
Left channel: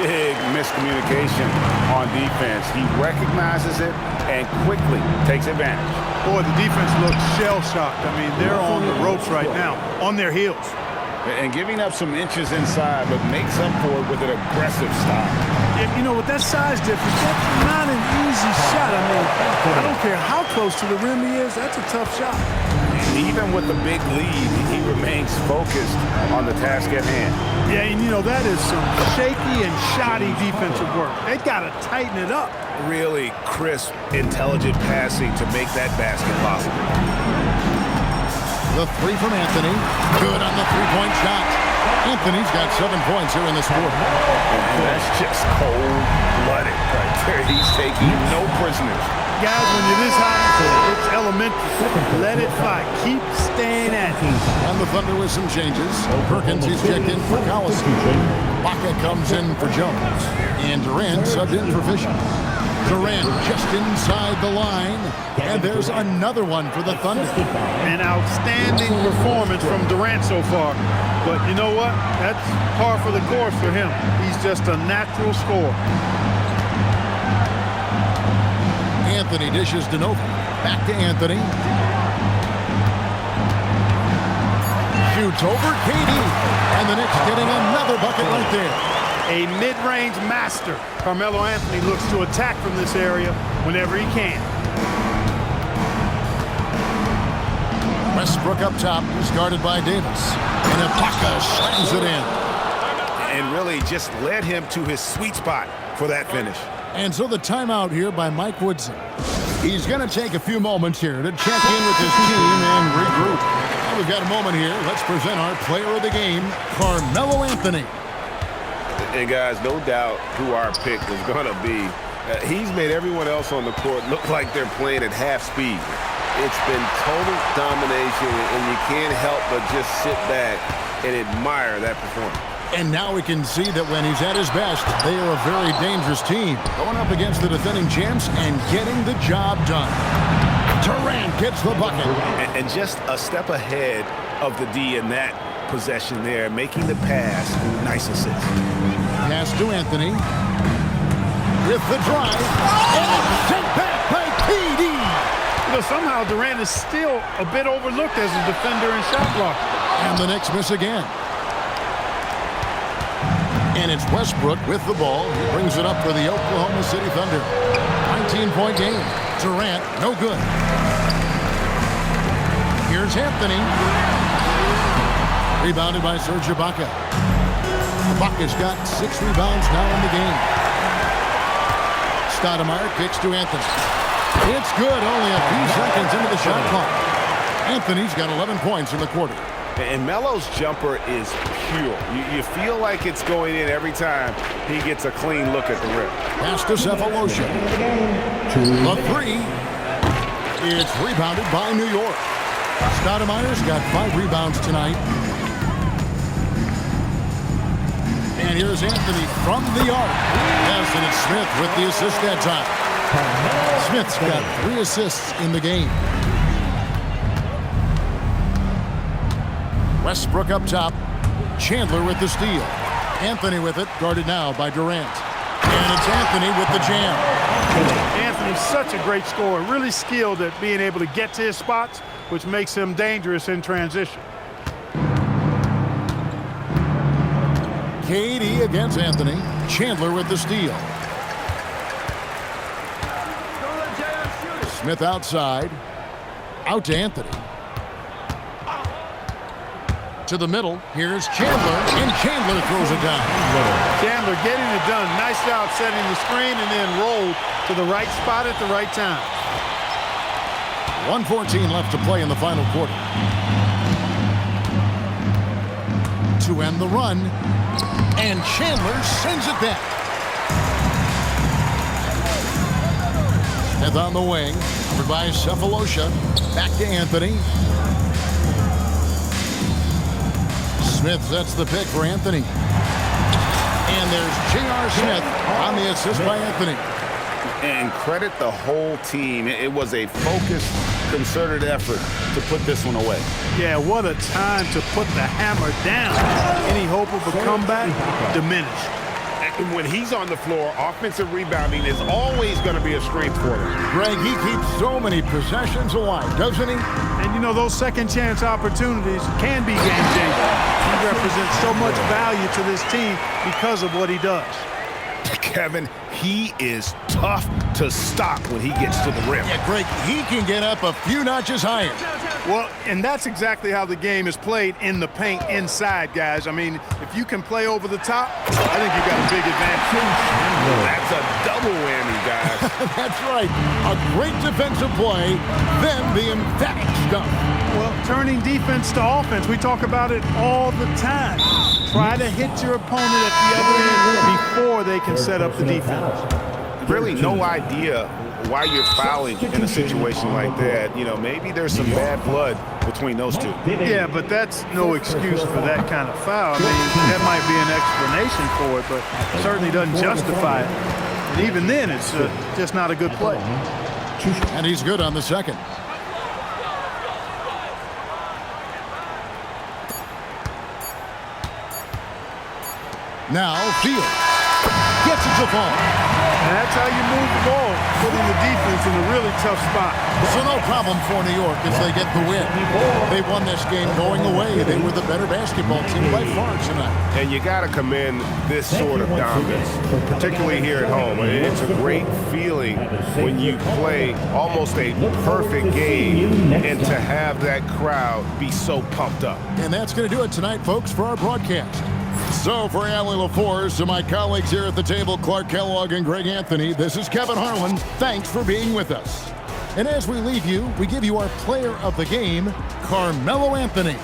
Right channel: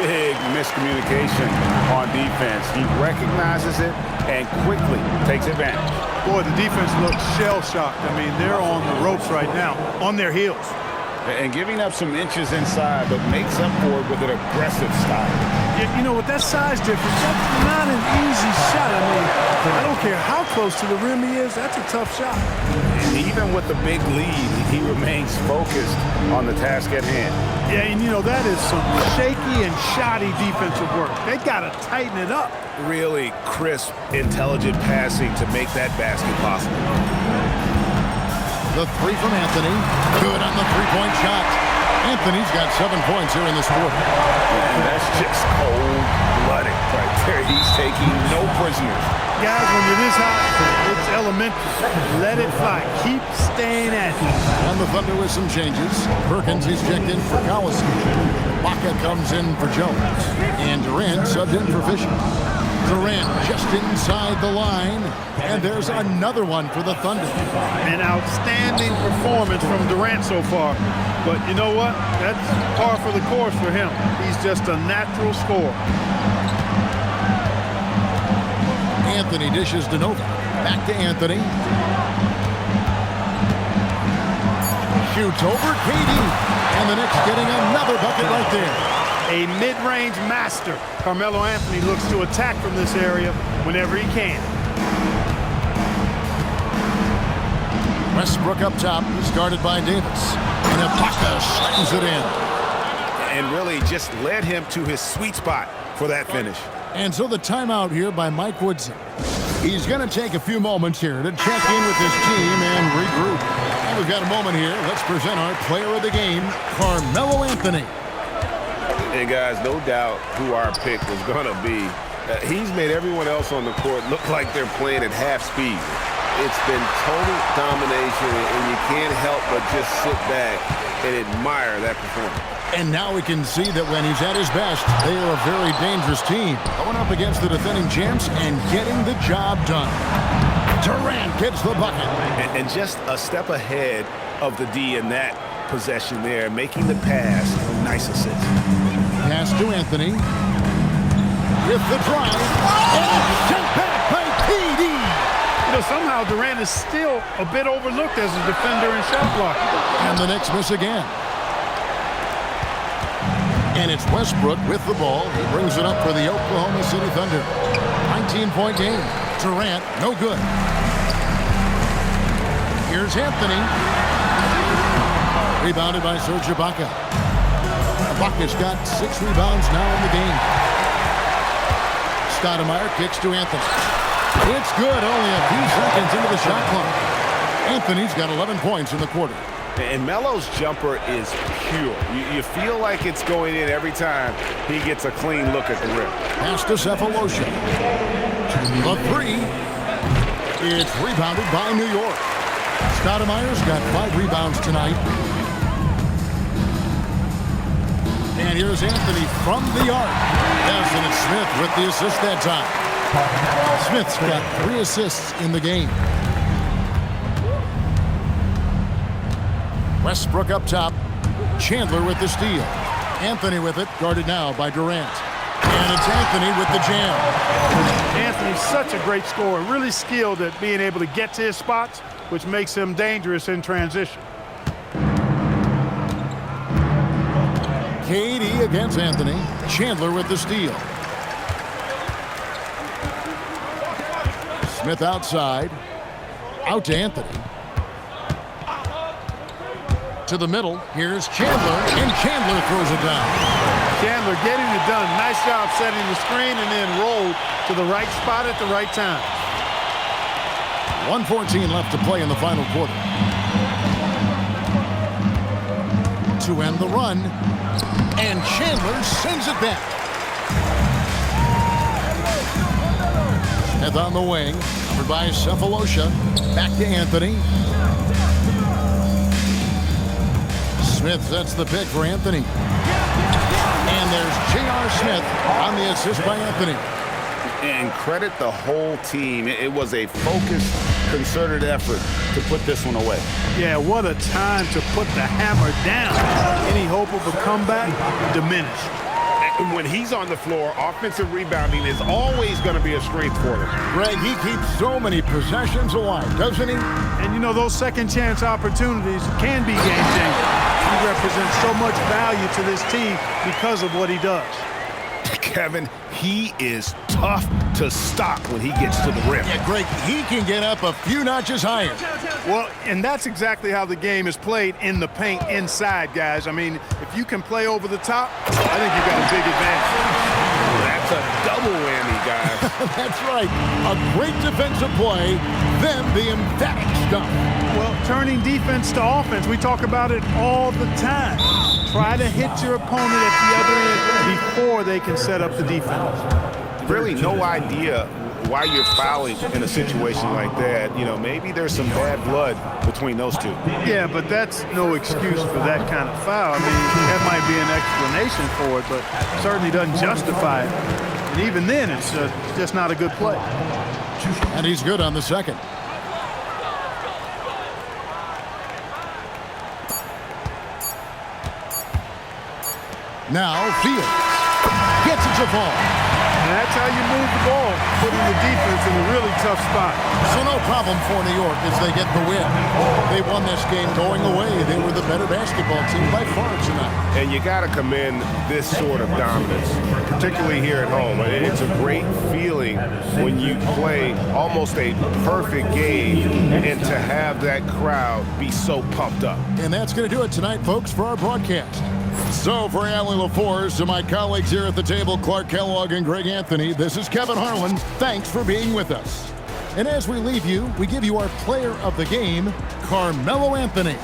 Big miscommunication on defense. He recognizes it and quickly takes advantage. Boy, the defense looks shell-shocked. I mean, they're on the ropes right now, on their heels. And giving up some inches inside, but makes up for it with an aggressive style. You know, with that size difference, that's not an easy shot. I mean, I don't care how close to the rim he is, that's a tough shot. And even with the big lead, he remains focused on the task at hand. Yeah, and you know, that is some shaky and shoddy defensive work. They got to tighten it up. Really crisp, intelligent passing to make that basket possible. The three from Anthony. Good on the three-point shot. Anthony's got 7 points here in this quarter. And that's just cold-blooded right there. He's taking no prisoners. Guys, when you're this hot, it's elementary. Let it fly. Keep staying at it. And the Thunder with some changes. Perkins, he's checked in for Collison. Baca comes in for Jones. And Durant subbed in for Fisher. Durant just inside the line. And there's another one for the Thunder. An outstanding performance from Durant so far. But you know what? That's par for the course for him. He's just a natural scorer. Anthony dishes to Nova. Back to Anthony. Shoots over KD. And the Knicks getting another bucket right there. A mid-range master. Carmelo Anthony looks to attack from this area whenever he can. Westbrook up top is guarded by Davis. And Ibaka slams it in. And really just led him to his sweet spot for that finish. And so the timeout here by Mike Woodson. He's going to take a few moments here to check in with his team and regroup. Now we've got a moment here. Let's present our player of the game, Carmelo Anthony. And guys, no doubt who our pick was going to be. He's made everyone else on the court look like they're playing at half speed. It's been total domination, and you can't help but just sit back and admire that performance. And now we can see that when he's at his best, they are a very dangerous team. Going up against the defending champs and getting the job done. Durant gets the bucket. And just a step ahead of the D in that possession there, making the pass. Nice assist. Pass to Anthony. With the drive. And it's sent back by KD. You know, somehow Durant is still a bit overlooked as a defender and shot blocker. And the Knicks miss again. And it's Westbrook with the ball. He brings it up for the Oklahoma City Thunder. 19-point game. Durant, no good. Here's Anthony. Rebounded by Serge Ibaka. Ibaka's got 6 rebounds now in the game. Stoudemire kicks to Anthony. It's good, only a few seconds into the shot clock. Anthony's got 11 points in the quarter. And Melo's jumper is pure. You feel like it's going in every time he gets a clean look at the rim. Pass to Cephalosha. The three. It's rebounded by New York. Stoudemire's got 5 rebounds tonight. And here's Anthony from the arc. Yes, and it's Smith with the assist that time. Smith's got 3 assists in the game. Westbrook up top. Chandler with the steal. Anthony with it, guarded now by Durant. And it's Anthony with the jam. Anthony's such a great scorer, really skilled at being able to get to his spots, which makes him dangerous in transition. KD against Anthony. Chandler with the steal. Smith outside. Out to Anthony. To the middle. Here's Chandler, and Chandler throws it down. Chandler getting it done. Nice job setting the screen and then rolled to the right spot at the right time. 1:14 left to play in the final quarter. To end the run, and Chandler sends it back. Smith on the wing, covered by Cephalosha. Back to Anthony. Smith sets the pick for Anthony. And there's J.R. Smith on the assist by Anthony. And credit the whole team. It was a focused, concerted effort to put this one away. Yeah, what a time to put the hammer down. Any hope of a comeback diminished. And when he's on the floor, offensive rebounding is always going to be a strength for them. Greg, he keeps so many possessions alive, doesn't he? And you know, those second chance opportunities can be game-changing. He represents so much value to this team because of what he does. Kevin, he is tough to stop when he gets to the rim. Yeah, Greg, he can get up a few notches higher. Well, and that's exactly how the game is played in the paint inside, guys. I mean, if you can play over the top, I think you've got a big advantage. That's a double whammy, guys. That's right. A great defensive play, then the emphatic stuff. Well, turning defense to offense, we talk about it all the time. Try to hit your opponent at the other end before they can set up the defense. Really no idea why you're fouling in a situation like that. You know, maybe there's some bad blood between those two. Yeah, but that's no excuse for that kind of foul. I mean, that might be an explanation for it, but certainly doesn't justify it. And even then, it's just not a good play. And he's good on the second. Now Fields gets it to fall. And that's how you move the ball, putting the defense in a really tough spot. So no problem for New York as they get the win. They won this game going away. They were the better basketball team by far tonight. And you got to commend this sort of dominance, particularly here at home. It's a great feeling when you play almost a perfect game and to have that crowd be so pumped up. And that's going to do it tonight, folks, for our broadcast. So for Allie LaForce, to my colleagues here at the table, Clark Kellogg and Greg Anthony, this is Kevin Harlan. Thanks for being with us. And as we leave you, we give you our player of the game, Carmelo Anthony.